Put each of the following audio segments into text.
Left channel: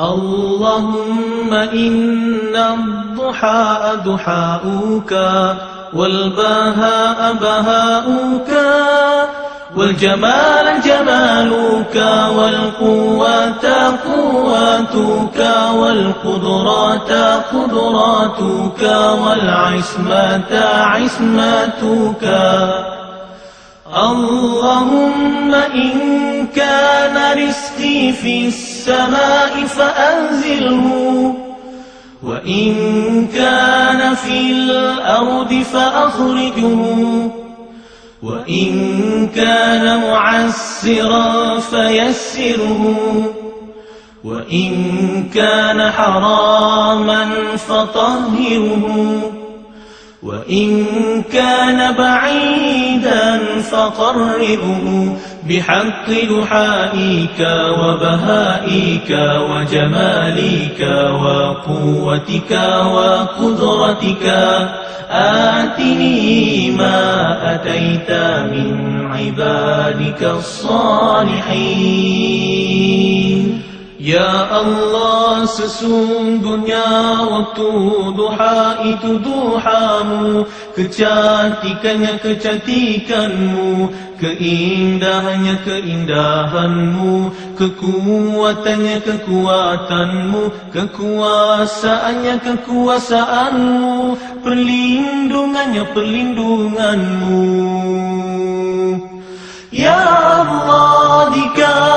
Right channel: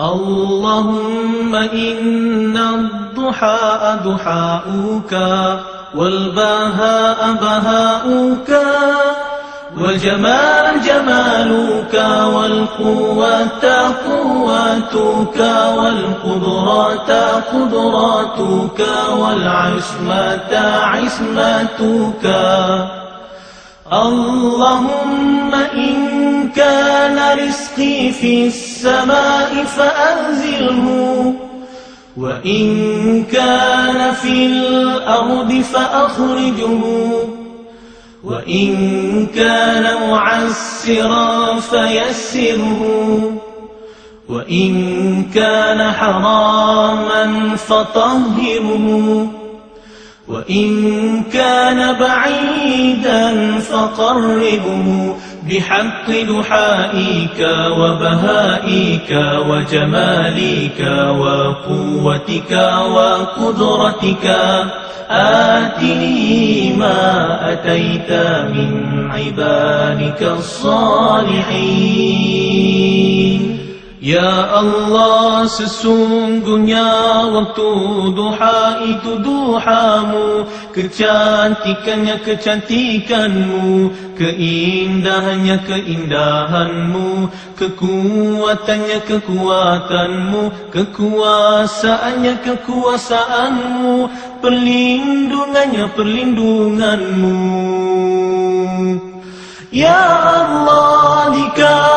اللهم إن الضحى ضحاؤك والبهاء بهاؤك والجمال جمالك والقوة قوتك والقدرات قدراتك والعصمة عصمتك اللهم إن كان رزقي في السماء فأنزله وإن كان في الأرض فأخرجه وإن كان معسرا فيسره وإن كان حراما فطهره. وإن كان بعيدا فقربه بحق دحائك وبهائك وجمالك وقوتك وقدرتك آتني ما أتيت من عبادك الصالحين. Ya Allah sesungguhnya waktu duha itu duhamu. Kecantikannya kecantikanmu Keindahannya keindahanmu Kekuatannya kekuatanmu Kekuasaannya kekuasaanmu Perlindungannya perlindunganmu. Ya Allah jika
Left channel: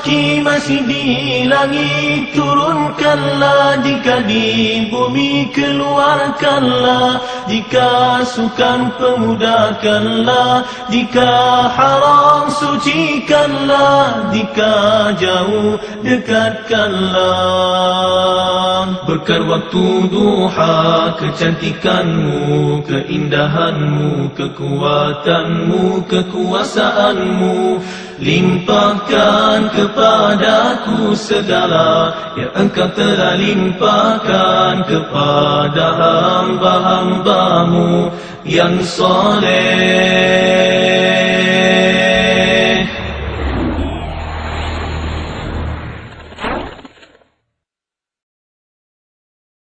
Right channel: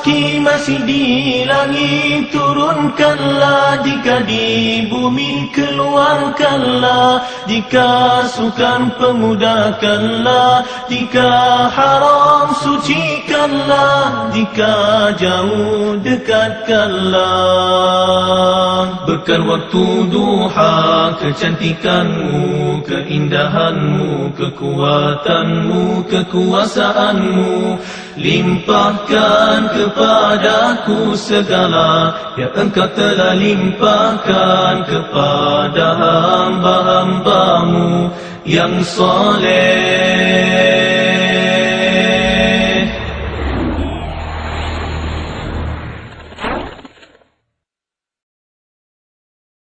rezeki masih di langit turunkanlah Jika di bumi keluarkanlah. Jika sukan pemudahkanlah Jika haram sucikanlah. Jika jauh dekatkanlah Berkat waktu duha kecantikanmu Keindahanmu, kekuatanmu, kekuasaanmu. Limpahkan kepadaku segala Yang engkau telah limpahkan kepada hamba-hambamu. Yang soleh